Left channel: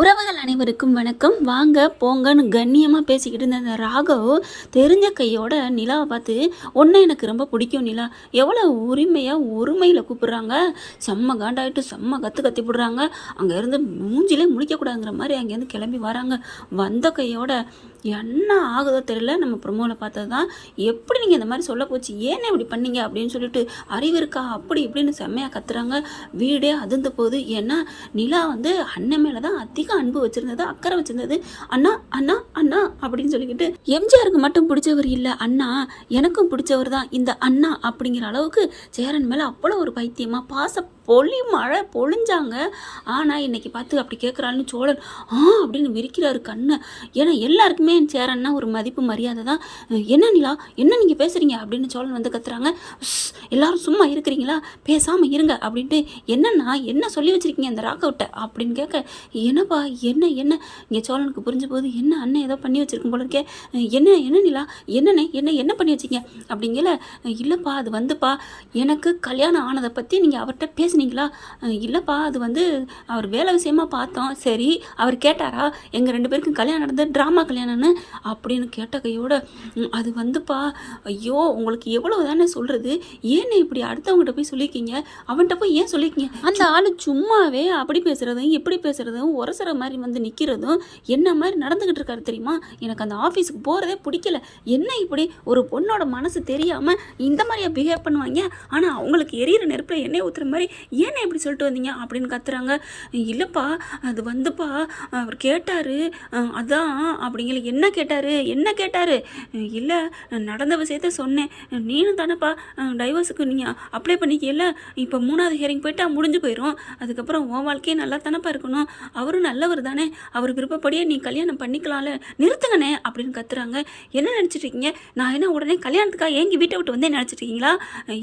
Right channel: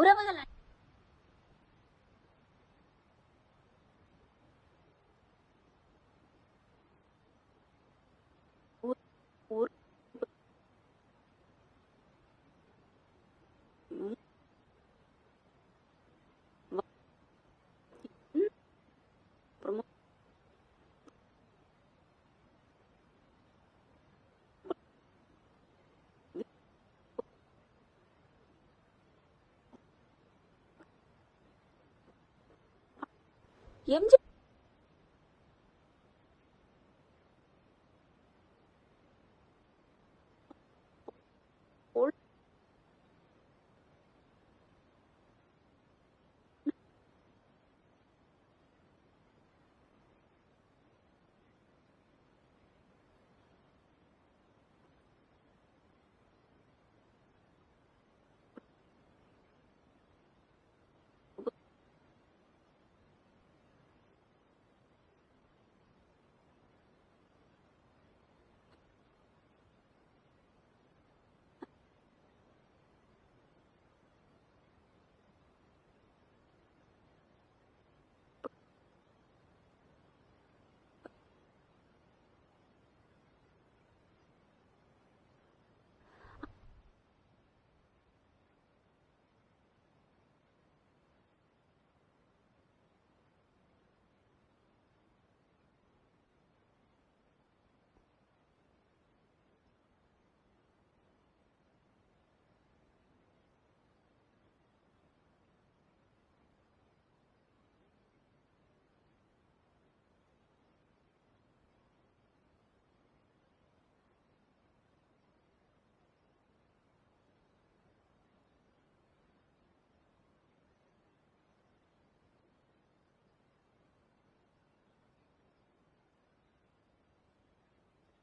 உறவுகள் அனைவருக்கும் வணக்கம். வாங்க போங்கன்னு கண்ணியமாக பேசிக்கிட்டு இருந்த அந்த ராகவ் தெரிஞ்ச கையோட நிலாவை பார்த்து, ஒன்று எனக்கு ரொம்ப பிடிக்கும் நிலா, எவ்வளோ உரிமையாக உரிமையில் கூப்பிடுறாங்க. செம்ம காண்டாயிட்டு செம்ம கத்தி விடுறாங்க. அங்கேருந்து மூஞ்சிலே முழிக்கக்கூடாதுங்கிற மாதிரி அங்கேருந்து கிளம்பி வராங்க. வந்த கையோட என்ன ஆகுதோ தெரியல, நம்ம ப்ரொமோவில் பார்த்தது தான். எப்படி நீங்கள் இந்த மாதிரி சொல்ல போச்சு, ஏன்னு இப்படி பண்ணீங்க அப்படின்னு சொல்லிட்டு அறிவு இருக்கா அப்படி இப்படின்னு செம்மையாக கத்துறாங்க. வீடே அதிர்ந்து போகுது. ஏன்னா நிலா வந்து அண்ணன் மேலே தான் அதிக அன்பு வச்சுருந்தது, அக்கறை வச்சுருந்தது. அண்ணா அண்ணா அண்ணா அப்படின்னு சொல்லிக்கிட்டு எம்ஜிஆருக்கு மட்டும் பிடிச்சவர் இல்லை அண்ணா, எனக்கும் பிடிச்சவர் தான் இந்த அண்ணா அப்படிங்கிற அளவுக்கு சேரன் மேலே அவ்வளோ ஒரு பைத்தியமாக பாச மழை பொழிஞ்சாங்க. ஆனால் இன்னைக்கு பார்த்து அப்படி கேட்குறான்னு சோழன் அப்படின்னு விரிக்கிறாரு கண்ணை. ஏன்னா எல்லாருக்குமே சேரன்னா ஒரு மதிப்பு மரியாதை தான். என்ன நிலா, என்ன நீங்கள் பேசுகிறீங்க அப்படின்னு சோழன் வந்து கத்துறாங்க. எல்லாரும் சும்மா இருக்கிறீங்களா, பேசாமல் இருங்க அப்படின்ட்டு. என்னன்னா என்ன சொல்லி வச்சுருக்கீங்க அந்த ராகவிட்ட அப்படின்னு கேட்க, என்னப்பா என்ன என்ன இங்கே சோழனுக்கு புரிஞ்ச போது, என்ன அண்ணன் ஏதோ பண்ணி வச்சுருக்கும் போல இருக்கே, என்ன என்ன நிலா, என்னண்ணே என்ன பண்ணி வச்சிங்க அப்படிங்கல. இல்லைப்பா அது வந்துப்பா, எனக்கு கல்யாணம் ஆனதை பற்றி நீங்கள் அவர்கிட்ட பேசுனீங்களா? இல்லைப்பா அது வந்து அவர் வேலை விஷயமா பார்த்தோம். சரி அவர் கேட்டாரா எங்கள் 2 பேருக்கும் கல்யாணம் நடந்தது ட்ராமா கல்யாணம்னு அப்படின்னு கேட்ட கையோட, அது வந்துப்பா, ஐயோ உங்களுக்கு எவ்வளோ தானே சொல்கிறது, ஏன்னு இப்படி அடுத்தவங்ககிட்ட போய் சொல்லியிருக்கீங்க, அவன்கிட்ட போய் ஏன் சொல்லியிருக்கீங்க? அந்த ஆள் சும்மாவே அப்படி பேசுகிறதும் இப்படி பேசுகிறதும் உரசுற மாதிரி வந்து நிற்கிறதும் என்ன மாதிரி நடந்துக்கிட்டு இருக்காரு தெரியுமா? எனக்கு அந்த ஆஃபீஸுக்கு போகிறதே பிடிக்கல. என்ன இப்படி ஒரு பொண்ணோட மனசு தெரியாமல் இந்த மாதிரியா பிஹேவ் பண்ணுவாங்க? ஆனால் அவங்களுக்கு எரியிற நெருப்பில் எண்ணெய் ஊற்றுற மாதிரி ஏன்னா இப்படி சொல்லிட்டு வந்தீங்க அப்படின்னு கத்துறாங்க. இல்லைப்பா அது வந்துப்பா அவர் கேட்டார், அதான் அப்படிங்கிற. என்ன கேட்டார்? இல்லை நடந்த விஷயத்த சொன்னேன். நீனும் தானேப்பா டைவர்ஸுக்கு நீங்கள் அப்ளை பண்ணிக்கல, இப்போ 3வது ஹியரிங் போயிட்டா முடிஞ்சு போயிடும், அதுக்கப்புறம் உன் வாழ்க்கையே நல்லா தானேப்பா இருக்கணும், அவரும் நல்லவர் தானே, அவர் விருப்பப்படியே நீ கல்யாணம் பண்ணிக்கலாம்ல, நிறுத்துங்கண்ணே அப்படின்னு கத்துறாங்க. என்ன நினச்சிட்ருக்கீங்க, நான் என்ன உடனே கல்யாணத்துக்காக ஏங்கி வீட்டை விட்டு வந்தே நினச்சிட்ருக்கீங்களா?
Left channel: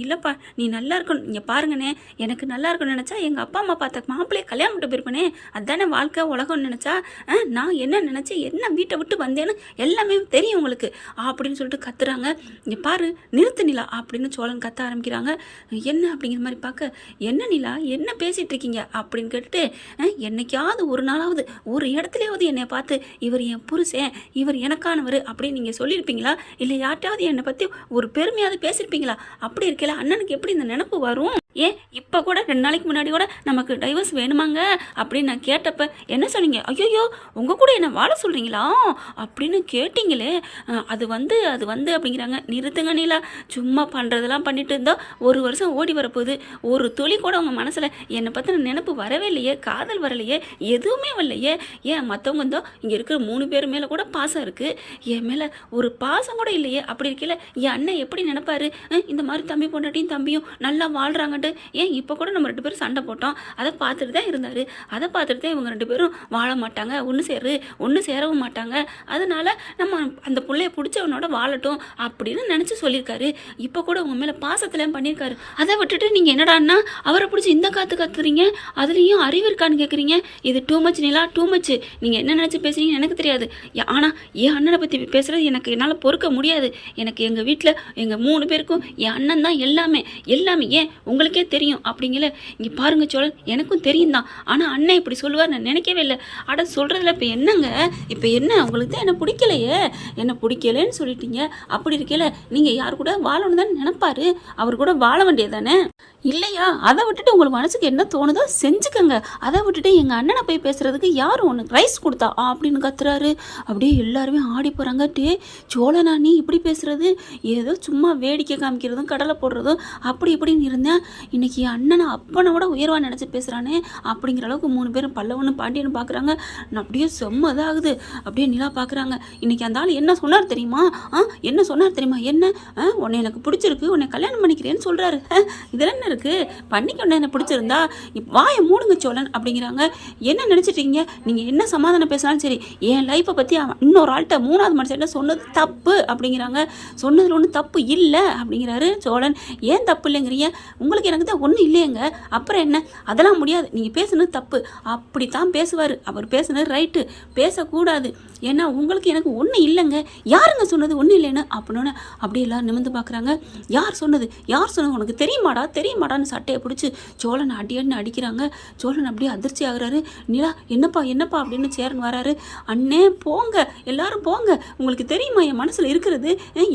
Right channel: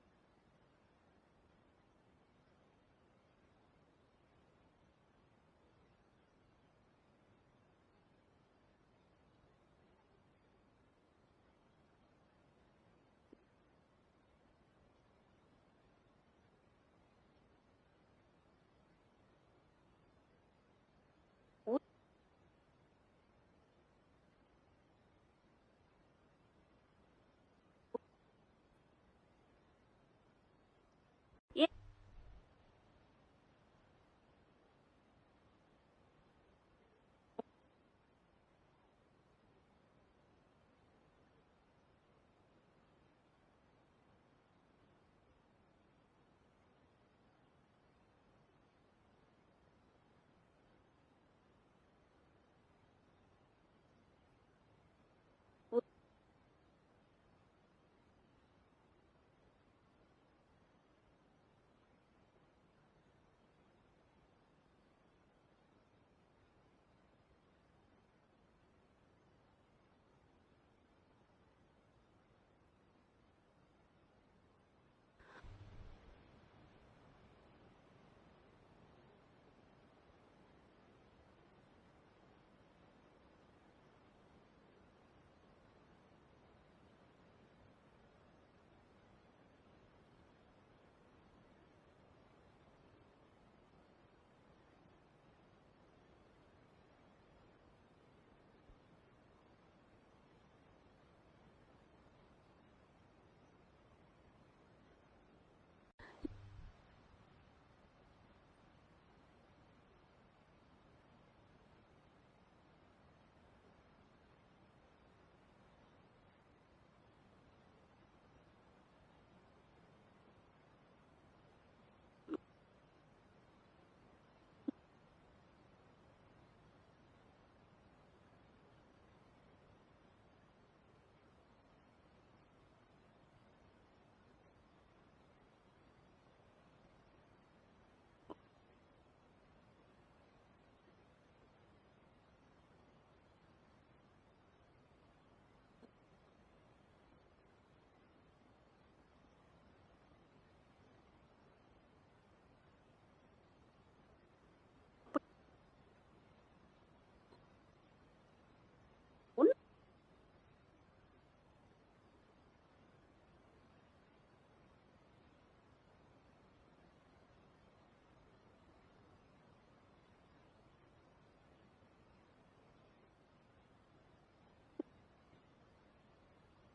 இல்லைப்பா நீ நல்லா இருக்கணும், நீங்கள் பாருங்கண்ணே, எனக்கு நல்லா இருக்கணும்னு நினச்சா எங்கள் அப்பா அம்மா பார்த்த மாப்பிள்ளையே கல்யாணம் விட்டு போயிருப்பேனே, அதுதானே வாழ்க்கை உலகம்னு நினச்சா, நான் என்ன நினச்சேன், என்ன வீட்டை விட்டு வந்தேன்னு எல்லாமே தெரியும் உங்களுக்கு அப்படின்னு சொல்லிட்டு கத்துறாங்க. இங்கே பாரு நிறுத்து நிலா அப்படின்னு சோழன் கத்த ஆரம்பிக்கிறாங்க. என்ன அப்படிங்கிற மாதிரி பார்க்க, என்ன நிலா என்ன பேசிகிட்டு இருக்கீங்க அப்படின்னு கேட்டுட்டு, என்னைக்காவது ஒரு நாளாவது ஒரு இடத்துலையாவது என்னை பார்த்து இவர் என் புருஷன், இவர் எனக்கானவர் அப்படின்னு நீங்கள் சொல்லியிருப்பீங்களா? இல்லை யார்ட்டாவது என்னை பற்றி ஒரு பெருமையாவது பேசியிருப்பீங்களா? அப்படி இருக்கல அண்ணனுக்கு எப்படி இந்த நினப்பு வரும்? ஏன் இப்போ கூட 2 நாளைக்கு முன்னாடி கூட நமக்கு டைவர்ஸ் வேணுமாங்க அப்படின்னு நான் கேட்டப்ப என்ன சொன்னீங்க? ஐயோ உங்கள் கூட என்ன வாழ சொல்கிறீங்களா அப்படின்னு கேட்டிங்களே. அது வந்து அப்படிங்கிறாங்க. நிறுத்துங்க நீலா, சும்மா பண்ணுறதெல்லாம் பண்ணிட்டு இருந்தால் 1 வருஷம் ஓடி வரப்போகுது. ஒரு துளி கூட உங்கள் மனசில் என்னை பற்றின நினப்பு வரவே இல்லையே, காதல் வரலையே, எதுவுமே வரலையே. ஏன் மற்றவங்க இருந்தோ இங்கே இருக்கிற 3 பேர் மேலே கூட பாசம் இருக்குது, என் மேலே ஒரு பாசம் கூட இல்லையே. அப்படி இருக்கல என் அண்ணன் எப்படி நினைப்பாரு, இந்த மாதிரி தம்பி பொண்டாட்டியும் தம்பியும் நல்லா வாழ்கிறாங்க. ஏன் இப்போ கூட நம்ம 2 பேரும் சண்டை போட்டோம், அதை பார்த்துட்டு தான் இருந்தார், அதை பார்த்துட்டு தான் இவங்க 2 பேரும் வாழ மாட்டாங்க, ஒன்று சேரவும் மாட்டாங்க, அதனால நம்ம அந்த பிள்ளைய பிடிச்சவனோட வாழட்டும் அப்படின்னு நினச்சி சொல்லியிருக்காரு. இப்போ கூட உங்கள் மேலே பாசத்துலேயும் பண்ணியிருக்காரு. அதை விட்டுட்டு நீங்கள் என்னடான்னா அவரை பிடிச்சி இந்த கத்துறீங்க, அதுலேயும் அறிவு இருக்கான்னு கேட்குறீங்க. இது டூ மச் நிலா, டூ மச். நீங்கள் என்ன நினச்சி பேசுறீங்கன்னு எனக்கு தெரியாது. ஆனால் என் அண்ணனை பற்றி பேசுகிறது எனக்கு என்னால் பொறுக்க முடியாது. எனக்கு எங்கள் வீட்டில் எங்கள் 3 பேருக்கும் என் அண்ணன் தான் எல்லாமே. ஏன் உங்களுக்கே தெரியும் அப்படிங்கல. இங்கே பாருங்க சோழன், எனக்கும் தெரியும் தான், ஆனால் அண்ணன் இப்படி சொல்லுவார் நான் நினைக்கவே இல்லை. அட சொல்கிறதுல இப்போ என்னங்க, இப்போ என்ன உங்களுக்கு தான் என்ன பிடிக்கலேன்னு சொல்லிட்டீங்க. அப்படி இருக்கல நீங்கள் யார் கூட வாழணும் தானே நினைப்பாரு, அவர் கூட வாழ வேண்டியது தானே இல்லையா? அதை விட்டுட்டு உங்களுக்கு மனசுக்கு என்ன தோணுதோ செஞ்சுக்கங்க. அதை விட்டுட்டு எங்கள் அண்ணனை போய் பேசுகிறதுக்கு யாரும் உனக்கு ரைஸ் கொடுத்தா அப்படின்னு கத்துறாரு. அப்படியே எல்லாருமே ஆடி போகிறாங்க. சோழனா நீ இப்படி பேசுகிறது, ஏதோ சும்மா வேடிக்கை காமிக்கிறதும் கடலை போடுறதும் அப்படி இப்படின்னு இருந்தேன், இன்னைக்கு என் அண்ணனை அப்பனை விட உயர்வாக நினச்சி பேசுகிறானே அப்படிங்கிற அளவுக்கு 3 பேரும் பல்லவனு பாண்டியன்னு பார்க்குறாங்க. நான் அப்படியே செம்மதாகுது. அப்படியே நிலா பார்க்குறாங்க. இன்னைக்கு அந்த ஆள் என்ன சொன்னார் தெரியுமா? என்ன உன்னை எனக்கு பிடிச்சிருக்கு, உன்னை கல்யாணம் பண்ணிக்கிறேன்னு சொல்கிறாரு. இதெல்லாம் என்ன இருக்கு, பண்ணிக்க என்ன பிடிச்சிருந்தா வாயை மூடுங்க சோழன் அப்படிங்கிறாங்க. என்ன நினச்சிட்டீங்க நீங்கள், என்ன சமாதானம் பேசினாலும் சரி, என் லைஃப்பை பற்றி இன்னொரு ஆள்கிட்ட 3வது மனுஷன் சொன்னது தப்பு அப்படிங்கிறாங்க. சொன்னதில் ஒன்றும் தப்பு இல்லை அப்படிங்கிறாரு சோழன். ஏன் தப்பு இல்லைங்கிறீங்க? உங்களுக்கு எனக்கு தான் ஒன்றும் இல்லையங்க, அப்புறம் என்ன, அதெல்லாம் முடியாது, நீங்கள் பேசுனது தப்பு அப்படி தான் பேசுவார். அவர் பேசுனது ரைட்டு, பேசக்கூடாது. ஏன்னா உங்களுக்கு எனக்கு ஒன்றும் இல்லைங்க, யாருங்க சொன்னது ஒன்றும் இல்லைன்னு அப்படின்னு அப்படியே எல்லாம் நிமிர்ந்து பார்க்குறாங்க. யார் சொன்னது உனக்கு தெரியுமாடா மாட்டான்னு சட்டையை பிடிச்சி சோழனை அடின்னு அடிக்கிறாங்க. சோழன் அப்படியே அதிர்ச்சி ஆகுறாரு. நிலா என்னப்பா என்னப்பா அப்படின்னு சேரன் வராரு. அண்ணே போங்க, எல்லாரும் போங்க, உங்களுக்கு தெரியுமா என் மனசில் இருக்கிறது,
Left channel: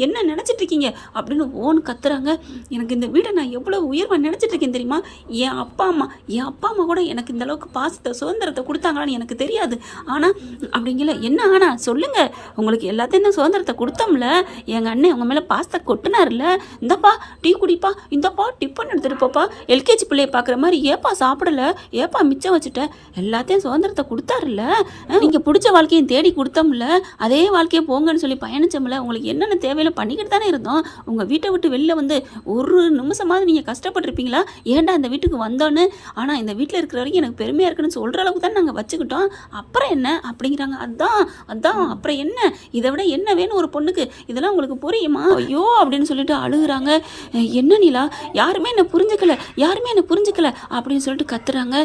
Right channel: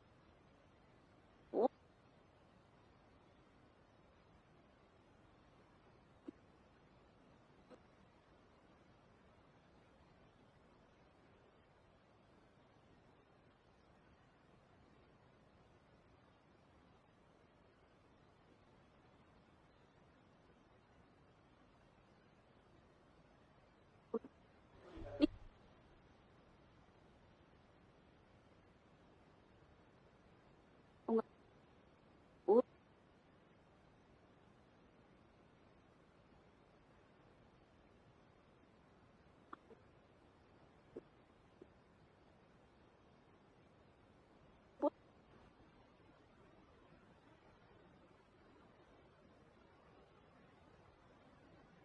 என்ன நினச்சிட்டு இருக்கீங்க அப்படின்னு ஓன்னு கத்துறாங்க. எனக்கு இந்த வீடை நான் எவ்வளோ உயர்வாக நினச்சிட்டு இருக்கேன் தெரியுமா? என் அப்பா அம்மா கூட எனக்கு இந்த அளவுக்கு பாசத்தை சுதந்திரத்தை கொடுத்தாங்களான்னு எனக்கு தெரியாது. ஆனால் அப்படிங்கல என்ன ஆனா சொல்லுங்க, உங்களுக்கு எல்லாத்தையும் தான் சுதந்திரத்தை கொடுத்தோம்ல, எங்கள் அண்ணன் உங்கள் மேலே பாசத்தை கொட்டினார்ல, இந்தப்பா டீ குடிப்பா, இந்தப்பா டிஃபன் எடுத்துகிட்டு போப்பா, எல்கேஜி பிள்ளையை பார்க்குற மாதிரி ஏப்பா சாப்பிடல, ஏப்பா மிச்சம் வச்சுட்ட, எல்லாத்தையும் சுதந்திரத்தை கொடுத்தாருல்ல, நீங்கள் பிடிச்ச வாழ்க்கையும் தேடி கொடுத்தோம்ல, அதே வாழ்க்கையை போங்கன்னு சொல்லி பயணிச்சோம்ல, உங்களுக்கு என்னென்ன தேவையில்ல பண்ணிக்கிட்டு தானே இருந்தோம். உங்கள் வீட்டை விட்டு வெளில வந்து ஒரு நிமிஷமாவது நீங்கள் கஷ்டப்பட்டுருப்பீங்களா, ஏன்டா இந்த வீட்டுக்கு வந்தோன்னு? ஆனால் இந்த வீட்டில் இருக்கிற வரைக்கும் எனக்கு பெருமையாக இருக்குன்னு சொல்கிற அளவுக்கு தான் நாங்கள் வச்சுக்கிட்டோம், அப்புறம் என்ன அப்படிங்கிறாங்க. அதான் அப்புறம் என்ன, இதை விட என்ன வேணும் ஒரு பொண்ணுக்கு, இதெல்லாம் உங்களுக்கு புரியுமா? ஐயோ அப்படின்னு சொல்லிட்டு அழுகுறாங்க. என்ன நிலா, யாருமே என்னை புரிஞ்சுக்கல அப்படின்னு சொல்லிட்டு கத்துறாங்க.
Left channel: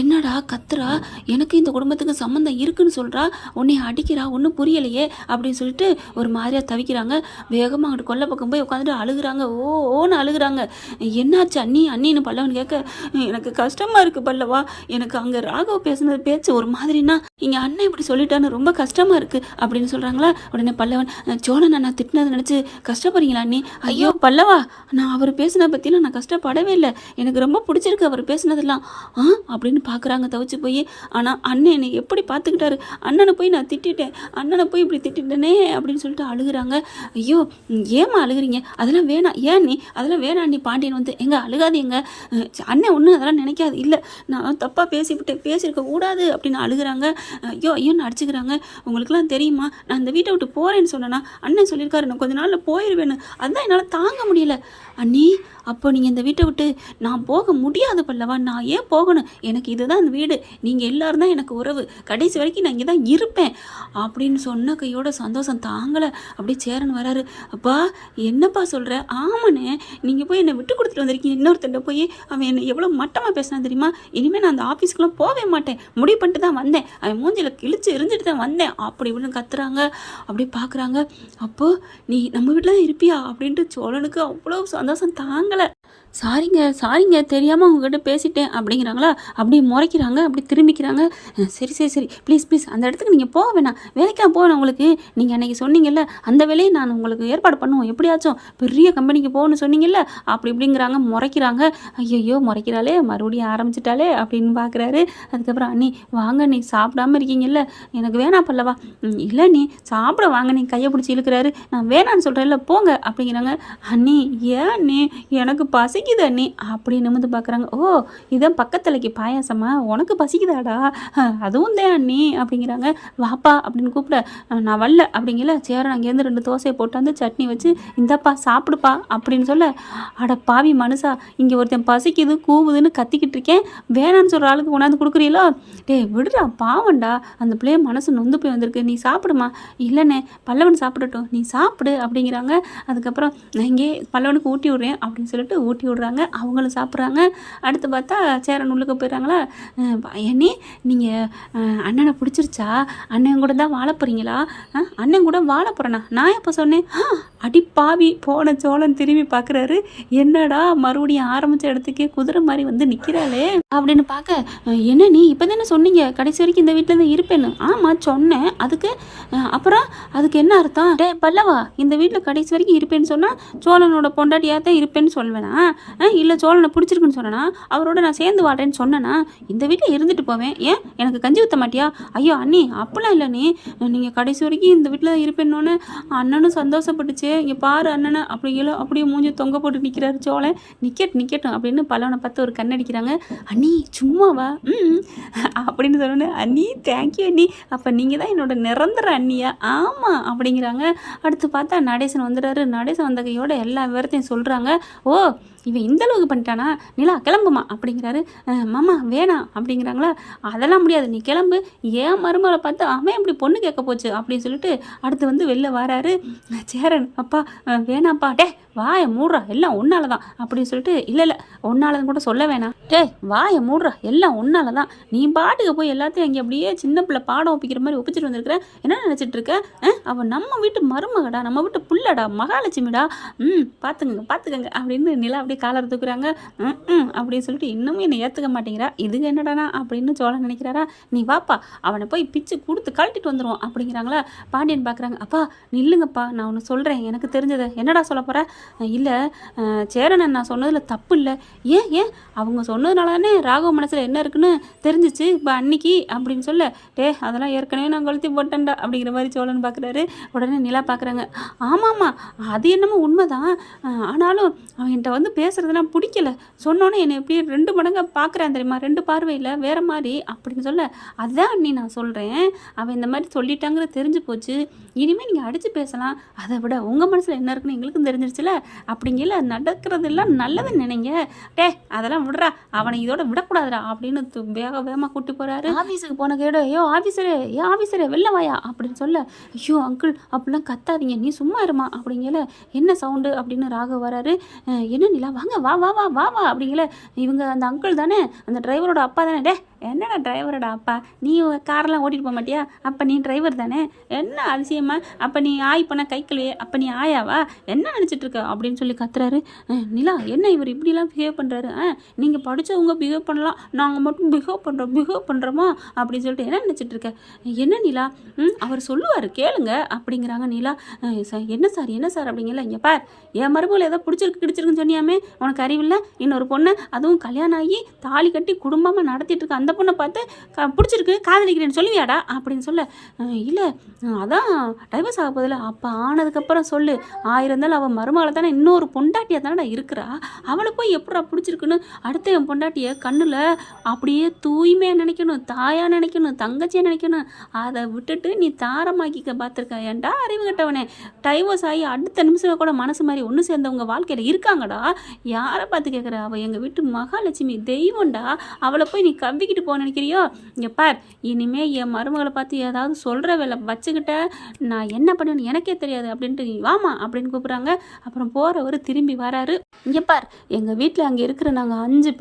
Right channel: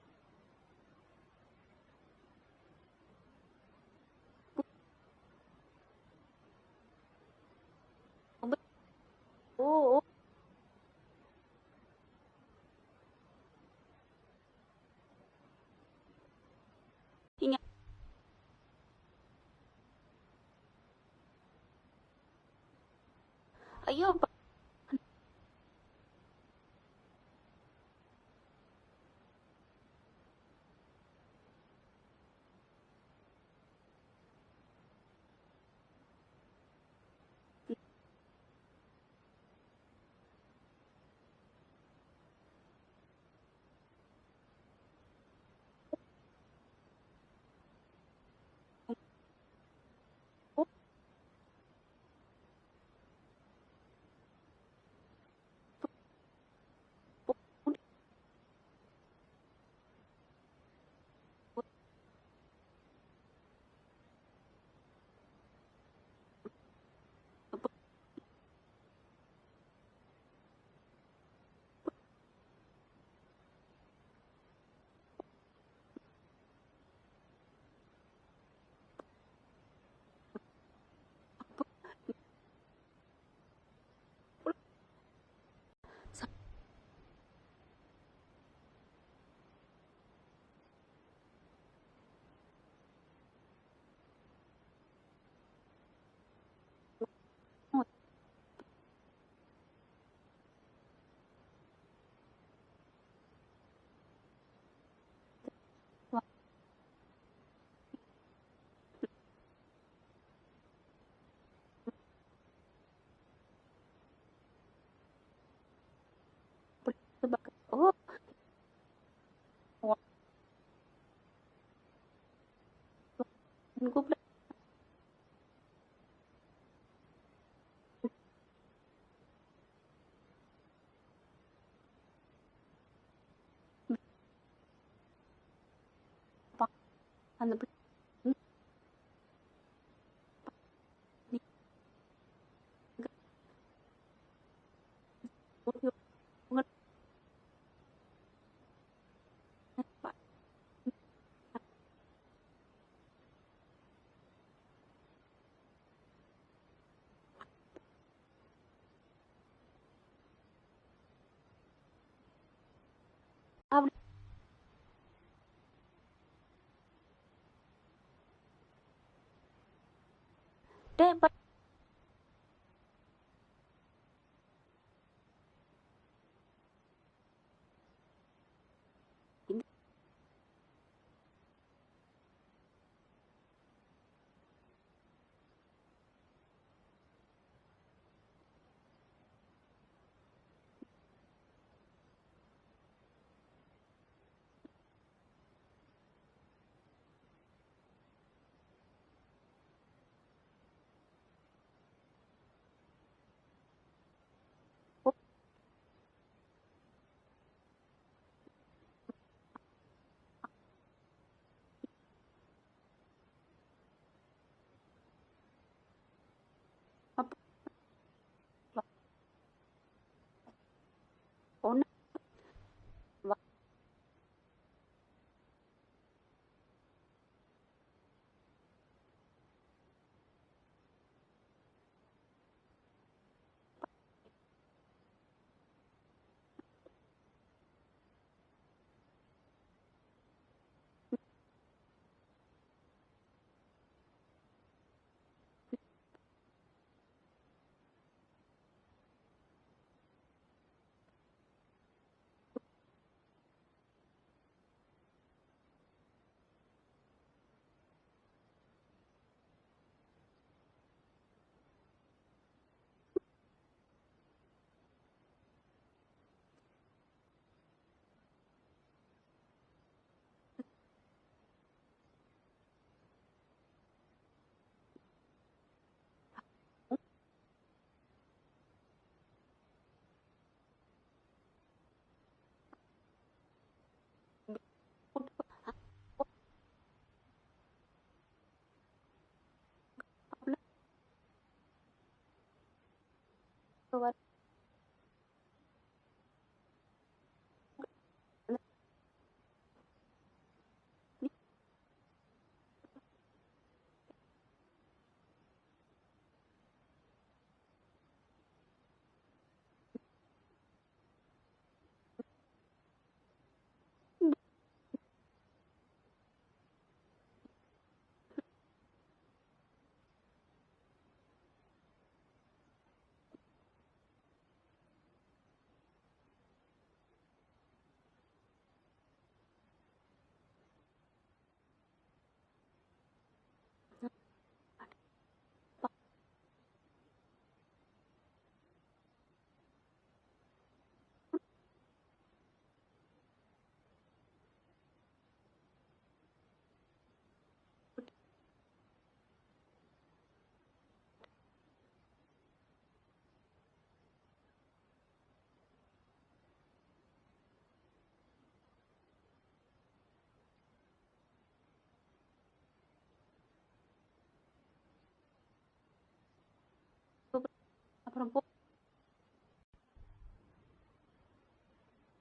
என்னடா கத்துறா, எனக்கு இந்த குடும்பத்துக்கு சம்மந்தம் இருக்குன்னு சொல்கிறா, உன்னை அடிக்கிறா, ஒன்றும் புரியலையே அப்படின்னு சொல்லிட்டு ஒரு மாதிரியாக தவிக்கிறாங்க. வேகமாக அங்கிட்டு கொல்லை பக்கம் போய் உட்காந்துட்டு அழுகுறாங்க. ஓன்னு அழுகுறாங்க. என்னாச்சு அண்ணின்னு பல்லவன் கேட்க, எனக்கு கஷ்டமாக இருக்குது பல்லவா, எனக்கு அங்கே ராகவ் பேசுனது பேச்சு ஒரு மாதிரினா, இங்கே அண்ணன் இப்படி சொல்லிட்டான்னு ரொம்ப கஷ்டமாக இருக்குது அப்படின்னு சொல்கிறாங்களா. உடனே பல்லவன், சோழன் நான் திட்டினதை நினச்சி கஷ்டப்படுறீங்களா அண்ணி? ஐயோ பல்லவா, நான் அவர் பேசினதை பற்றிலாம் நான் கஷ்டப்படவே இல்லை, எனக்கு ரொம்ப பிடிச்சிருக்கு அவர் பேசினதெல்லாம் அப்படின்னு பார்க்குறாங்க தவிச்சு போய். ஆனால் அண்ணன் என்னை எப்படி பார்த்துக்கிட்டாரு, அண்ணனை போய் நான் திட்டிட்டேன், அண்ணனை போய் இப்படி திட்டிட்டேனே அப்படின்னு சொல்லிட்டு அழுகுறாங்க. ஐயோ ஏமா அழுகுறீங்க, அதெல்லாம் வேணாம், ஏன் நீ அதெல்லாம் வேணாம் நீ பாண்டியன் வந்து எங்க அழுகாதீங்க, அண்ணன் ஒன்றும் அதெல்லாம் நினைக்காது, இல்லை நான் தப்பாக பேசியிருக்க கூடாது அப்படின்னு அழுகுறாங்க. ஐயோன்னு அடிச்சுக்கிறாங்க. உங்களுக்குலாம் தெரியுமா, நான் இந்த வீட்டை விட்டு போகிறேன்னு சொன்னேன்னா அண்ணன் சொல்லியிருக்காரு நான் கொஞ்ச நாளில் போயிடுவேன்னு, அதுதான் என்னால் தாங்க முடியல. அண்ணி அப்போ நீங்கள் இந்த வீட்டை விட்டு நான் போக முடியாது பல்லவா, நான் ஏன் போகணும், எனக்கு இதுதான் இந்த வீடு, நீங்கள் எல்லோரும் தான் எனக்கு உறவு, கடைசி வரைக்கும் நான் இங்கே தான் இருப்பேன் அப்படின்னு சொன்ன கையோட சந்தோஷம் தாங்கலை. அப்படியே சேரன் வராரு. அப்பா என்னப்பா சொல்கிற? ஆமாண்ணே, நீங்கள் போய் என்னை விட்டு கொடுத்துட்டு வந்திருக்கீங்க, இன்னொருத்தண்ட போய் அவன் என்னை எவ்வளோ மட்டமாக பேசினா தெரியுமா, இனிமேல் நான் அந்த ஆஃபீஸ்க்குலாம் போகவே மாட்டேன், முடிவு பண்ணிட்டு தான் வந்தேன், அவன் மூஞ்சில் கிழிச்சு எரிஞ்சிட்டு தான் வந்தேன் அப்படி இப்படின்னு கத்துறாங்க. அப்படி பார்க்குறாங்க. அப்போது நீ நம்ம வீட்டில் தான் இருப்பியா அப்படின்ட்டு சோழனுக்கு அவ்வளோ சந்தோஷம் தாங்கலை. சாரிங்க தெரியாமல் உங்ககிட்ட பேசிட்டேன் அப்படிங்கிறாங்களா. அப்படி முறைக்கிறாங்க, அப்படி திரும்பிக்கிறாங்க. சரி ப்ளீஸ் அந்த இடத்துக்கு நீங்கள் போக வேணாம், வேலைக்கெலாம் போகணும், உங்களுக்கு நீங்கள் அன்றைக்கி சொன்னீங்கல்ல அந்த வேலையை நான் உங்களுக்கு ஏற்பாடு பண்ணுவோம், எப்படியாச்சும் பெரிய கம்பெனிக்கு போகணும்னு சொன்னீங்கல்ல அப்படி இப்படிங்கிறாங்க, முறைக்கிறாங்க. ஐயோ முறைக்கிறாளே, மறுபடியும் ஆரம்பிச்சிட்டாலே அப்படின்னு பார்க்குறாரு. அதுக்கப்புறம் அண்ணி வாங்க, நீ சாப்பிடாமல் இருக்கீங்கல்ல, எனக்கு வேணாம் பல்லவா. இல்லை நீ சாப்பிட வாங்க, நீ கையை பிடிச்சி இழுக்கிறாரு, நான் வேணான்னு சொல்கிறேன்ல போங்க அப்படிங்கிறாங்க. அண்ணி ஏன் நீ, எனக்கு பசிக்குது அண்ணி அப்படி நிமிந்து பார்க்குறாங்க. ஓ இதான் பக்கத்துலைக்கு பாயாசமா, உனக்கு பசிக்குதாடா, அதுவும் தான் அண்ணி அப்படிங்கிறாங்க. வாப்பா அப்படின்னு கூப்பிட, நான் வரல அப்படிங்கல. சேரன் அங்கேருந்து 2 தோசையை போட்டாந்து சட்னி வச்சு இந்தப்பா சாப்பிடுப்பா அப்படின்னு சொல்ல, அட பாவி மனுஷா, இங்கே ஒருத்தன் பசிக்குது கூவுதுன்னு கத்திக்கிட்டு இருக்கேன், வேணான்னு சொல்கிற ஆளுக்கு கொண்டாந்து கொடுக்குறீங்களோ, விடுறா பாவண்டா, அந்த பிள்ளைய மனசு நொந்து போய் வந்திருக்கு, நீ சாப்பிடுமா. இல்லைண்ணே பல்லவன் சாப்பிடட்டும், நீ சாப்பிடு அப்படிங்கிறாங்க. அதுக்கப்புறம் நான் இங்கே பல்லவனுக்கு ஊட்டி விட்றேன் அப்படின்னு சொல்லிட்டு ஊட்டி விடுறாங்க, அவங்களும் சாப்பிட்றாங்க. அடுத்து பார்த்தா சேரன் உள்ளுக்கு போயிடுறாங்களா. அண்ணி நீங்கள் அண்ணனை பிடிச்சிருச்சா, அண்ணன் கூட தான் வாழ போகிறீங்களா? அண்ணன் கூட வாழ போகிறேண்ணா, நான் எப்போ சொன்னேன்? அடி பாவி போன சோழன் திரும்பி பார்க்குறாரு. என்னடா மறுபடியும் ஆரம்பித்த இடத்துக்கே குதிரை மாதிரி வந்து நிற்கிறாளே அப்படின்னு பார்க்க, என்ன நீ இப்போ தானே சொன்னீங்க கடைசி வரைக்கும் இந்த வீட்டில் தான் இருப்பேன்னு? ஆமாம் சொன்னேன், அப்புறம் அதுக்கு என்ன அர்த்தம்? பல்லவா இந்த வீட்டில் கடைசி வரைக்கும் இருப்பேன்னு சொன்னால் சோழனோட பொண்டாட்டியாக தான் இருப்பேன்னு சொல்வேனா, இல்லை சோழனை பிடிச்சிருக்குன்னு சொன்னேன்னா அவரோட நான் சேர்ந்து வாடுறேன்னு சொன்னேன்னா இந்த வீட்டில் இருந்துட்டு போவேன், ஏன் எனக்கு கஞ்சி ஊற்ற மாட்டியா? ஐயோ அண்ணி அப்படிலாம் இல்லை, நீங்கள் கடைசி வரைக்கும் இந்த வீட்டில் தான் இருப்பேன்னொன்னே அண்ணனும் சந்தோஷப்பட்டுச்சு. இங்கே பாரு அண்ணனை அப்படியே மூஞ்சி தொங்க போட்டு நிற்கிறாரு சோழன். நிற்கட்டும் அப்படின்னு பல்லவனை பார்த்து ஒரு கண்ணடிக்கிறாங்க. அண்ணி சும்மாவா அப்படின்னு சொன்னோன்னே, அண்ணி தேங்க்யூ அண்ணி, அப்போ நீங்கள் தான் என்னோட நிரந்தர அண்ணியா? ஆமாம் அப்படிங்கிறாங்க. அடுத்து பார்த்தா நடேசன் வந்துடுறாரு. நடேசன் வந்த கையோட எல்லா விவரத்தையும் சொல்கிறாங்க. ஓ இவன் இந்த அளவுக்கு பண்ணிட்டானா, நிலா கிளம்புமா அப்படிங்கிறாரு. மாமா வேணாம் அப்படிங்கிறாங்களா. அதெல்லாம் முடியாது, நீ கிளம்பு, ஏன் மருமகளை பார்த்து அவன் எப்படி பொண்ணு கேட்க போச்சு அப்படின்னு சொல்லிட்டு அடுத்து வந்து வெளில வராரு சேரன். அப்பா வேணாப்பா, வாயை மூடுறா எல்லாம் ஒன்னால தான் அப்படின்னு சொல்லிட்டு, இல்லை ஒன்னாலதான் கூட சொல்ல வேணாம், வாயை மூடுறா எல்லாம் ஒன்னால தான், நீ பாட்டுக்கு போய் எல்லாத்தையும் அங்கே அப்படியே சின்ன பிள்ளை பாடம் ஒப்பிக்கிற மாதிரி ஒப்பிச்சிட்டு வந்திருக்கிற, என்ன நினச்சிட்டு இருக்க? அவன் நம்ம வீட்டு மருமகடா, நம்ம வீட்டு புள்ளடா, மகாலட்சுமிடா, பார்த்துக்கங்க அப்படின்னு நிலா அப்படியே காலர் தூக்குறாங்க. அப்படின்னு சொல்லிட்டு இன்னமும் என்னை ஏற்றுக்க மாட்டேங்கிறா, இதுக்கு என்னடானா அப்படின்னு சோழன் நினைக்கிறாரா. நீ வாப்பா அவனை போய் பிச்சு கொடுத்து கழட்டிட்டு வந்துடுவோம் அப்படிங்கிறாங்களா. பாண்டியன் பார்க்குறாங்க. அப்பா நில்லுங்கப்பா, நான் ஒன்று சொல்கிறேன் எனக்கு தெரிஞ்சதை. என்னடா சொல்ல போகிற? இல்லை சேரனன் நான் சொன்னதில் தப்பு இல்லை. ஏன் ஏன் அவங்க சொன்னதுனால தானே ராகவ மனசில் என்ன இருக்குன்னு தெரிஞ்சிச்சு இப்போ அன்னைக்கு அப்படின்னு சொல்ல. அதெல்லாம் ஏற்கனவே நான் கொளுத்தி போட்டேன்டா அப்படிங்கிற மாதிரி சோழன் பார்க்குறாரு. உடனே நிலா பார்க்குறாங்க. ஆமாம்மா அது என்னமோ உண்மைதான், ஆனாலும் அவன் என்கிட்ட வந்து பேசுகிறதுலாம் பிடிக்கல. சொன்னோன்னே என்னை எப்படி 2 மடங்காக பார்க்குறான் தெரியுமா, 2 பார்வையில் வேறு மாதிரி அப்படின்னு சொல்ல. அதுதான் அண்ணி நான் சொல்கிறேன், அவன் இந்த மாதிரி சொல்லிட்டாங்கிறது தெரிஞ்சு போச்சு, இனிமேல் நீங்கள் அடித்து பேசலாம். அதை விட உங்கள் மனசில் என்ன இருக்குன்னு எங்களுக்கும் தெரிஞ்சிருச்சுல, அப்படிங்கல நடக்கிறதெல்லாம் நல்லதுன்னு நினைங்க. அதெல்லாம் விடுறா, அவனை இதோட விடக்கூடாதுடா அப்படின்னு வேக வேகமாக கூட்டி போகிறாரு. ஆஃபீஸுக்கு போன கேடு, ஐயோ ஆஃபீஸரே வெளில வாயா அப்படின்னு சொல்ல. ஐயோ அங்கிள் அப்படிலாம் கத்தாதீங்க, நீ சும்மா இருமா அப்படிங்கல. என்ன சவுண்டு அப்படின்னு ராகவ் வராரு. என்ன நிலா வாங்க, வா வா வா வா வா அப்படிங்கல. இவங்க அந்த அங்கிள் தானே, அந்த டிரைவரோட அப்பா தானே. என்னடா டிரைவரோட அப்பா, நீ காரெல்லாம் ஓட்டிட்டு போக மாட்டியா, அப்போ நீ டிரைவர் தானே, என்ன அதிசயமா, அப்போ நீ ஆய் பண்ண கை கழுவியே, அப்போ நீ ஆயாவா, என்ன நினச்சிட்டு இருக்க அப்படின்னு சொல்லி கத்துறாரு. நிலா என்ன இவர் இப்படிலாம் பிஹேவ் பண்ணுறாரு, நீங்கள் படித்தவங்க பிஹேவ் பண்ணலாம், நாங்கள் மட்டும் பிஹேவ் பண்ணுறோமா அப்படின்னு சொல்லிட்டு என்ன நினச்சிட்டு இருக்க. என்ன நிலா, அவர் சொல்லுவார் கேளுங்க அப்படிங்கிறாங்க. நிலா என்ன சார் அப்படிங்கல. இங்கே பார், என் மருமகளை ஏதோ பிடிச்சிருக்குன்னு சொன்னியாமே, உனக்கு அறிவில்லை, இன்னொரு பொண்ணு அதுவும் கல்யாணம் ஆகி தாலி கட்டி குடும்பமாக நடத்திட்டு இருக்க அந்த பொண்ணை பார்த்து பிடிச்சிருக்கு காதலிக்கிறேன்னு சொல்லுவியாடா அப்படின்னு சொல்ல. இல்லை அதான் டைவர்ஸ் ஆக போதில்ல, அப்போ ஆனதுக்கப்புறம் சொல்லு, இருந்தாலும் அவள் மருமகளை தானே இன்னொரு பொண்டாட்டியாக தானடா இருக்கிறா, அவளை போய் எப்படா பிடிச்சிருக்குன்னு அடுத்த என் பொண்டாட்டியை கண்ணில் அப்படியே தூய்மையாக நினைக்கணும், தாயாக நினைக்கணும், தங்கச்சியாக நினைக்கணும். அதை விட்டுட்டு நீ தாரமாக்கிக்க பார்த்துருக்க. ஏன்டா அறிவு கட்டவனே, டைவர்ஸ் ஆகி அடுத்த நிமிஷம் கூட மனசு மாதிரி ஒன்று சேர்ந்தவங்க வாழ்க்கையில் இருக்காங்கடா. யாரை பார்த்து கேட்குற, அவள் எங்கள் வீட்டு மகாலட்சுமி தெய்வம்டா, அவளை போய் நீ கவ்விக்கிட்டு போக நினைக்கிறியோ. இங்கே பார், இனிமே என் மருமகளை பார்த்து ஏதாவது சொல்கிற வேலை வச்சுக்கிட்ட நான் என்ன பண்ணுவேன்னு எனக்கே தெரியாது அப்படின்ட்டு நீ வாமா அப்படின்னு கூப்பிட்றாங்க. அப்புறம் போகிறவர் திரும்பி வராரு. இங்கே பார், எங்கள் வீட்டில் அங்கே இருக்கிற நாங்கள் 5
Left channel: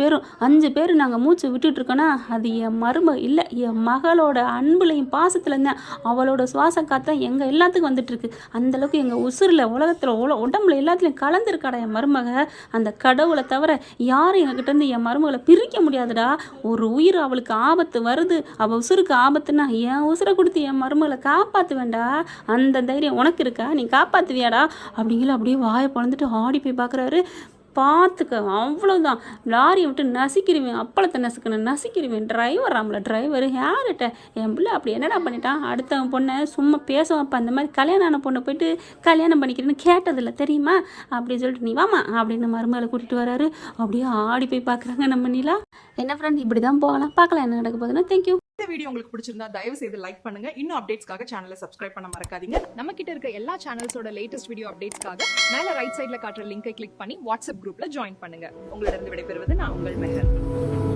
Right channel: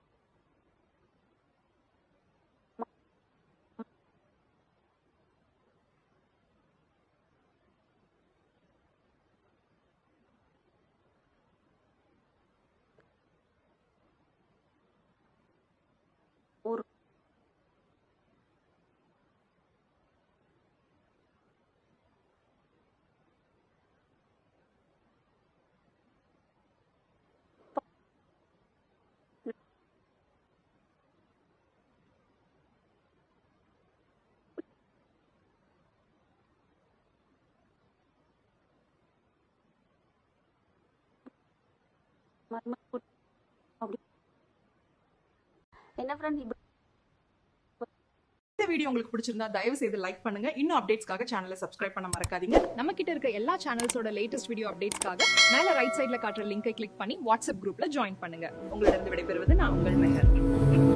பேர் நாங்கள் மூச்சு விட்டுட்டு இருக்கோன்னா அது என் மருமக இல்லை, என் மகளோட அன்புலையும் பாசத்துலையும் தான், அவளோட சுவாச காத்தான் எங்கள் எல்லாத்துக்கும் வந்துட்டுருக்கு. அந்தளவுக்கு எங்கள் உசுரில் உலகத்தில் உடம்புல எல்லாத்துலேயும் கலந்துருக்காடா என் மருமக. அந்த கடவுளை தவிர யாரும் எங்ககிட்ட இருந்து என் மருமகளை பிரிக்க முடியாதுடா. ஒரு உயிர் அவளுக்கு ஆபத்து வருது, அவள் உசுருக்கு ஆபத்துன்னா என் உசுரை கொடுத்து என் மருமகளை காப்பாற்றுவேண்டா. அந்த தைரியம் உனக்கு இருக்கா, நீ காப்பாற்றுவியாடா அப்படிங்கிற. அப்படியே வாயை பொழந்துட்டு ஆடி போய் பார்க்குறாரு. பார்த்துக்க, அவ்வளோதான், லாரியை விட்டு நசிக்கிடுவேன், அப்பளத்தை நசிக்கிடுவேன். டிரைவர் யார்கிட்ட என் பிள்ளை அப்படி என்னடா பண்ணிட்டான், அடுத்தவன் பொண்ணை சும்மா பேசுவாப்பா, அந்த மாதிரி கல்யாணம் ஆன பொண்ணை போயிட்டு கல்யாணம் பண்ணிக்கிறேன்னு கேட்டதில்லை தெரியுமா அப்படின்னு சொல்லிட்டு நீ வாமா அப்படின்னு மருமகளை கூட்டிகிட்டு வராரு. அப்படியே ஆடி போய் பார்க்குறாங்க நம்ம நிலா. என்ன ஃப்ரெண்ட், இப்படி தான் போகலாம், பார்க்கலாம் என்ன நடக்க போகுதுன்னா. தேங்க்யூ. இந்த வீடியோ உங்களுக்கு பிடிச்சிருந்தா தயவு செய்து லைக் பண்ணுங்க. இன்னும் அப்டேட்ஸ்க்காக சேனலை சப்ஸ்கிரைப் பண்ண மறக்காதீங்க. நம்ம கிட்ட இருக்க எல்லா சேனல்ஸோட லேட்டஸ்ட் வீடியோ அப்டேட்ஸ்க்காக மேல ரைட் சைடுல காட்டுற லிங்கை கிளிக் பண்ணி வாட்ஸ்அப் குரூப்ல ஜாயின் பண்ணுங்க. உங்களிடம் விடைபெறுவது நான் உங்கள் மெஹர்.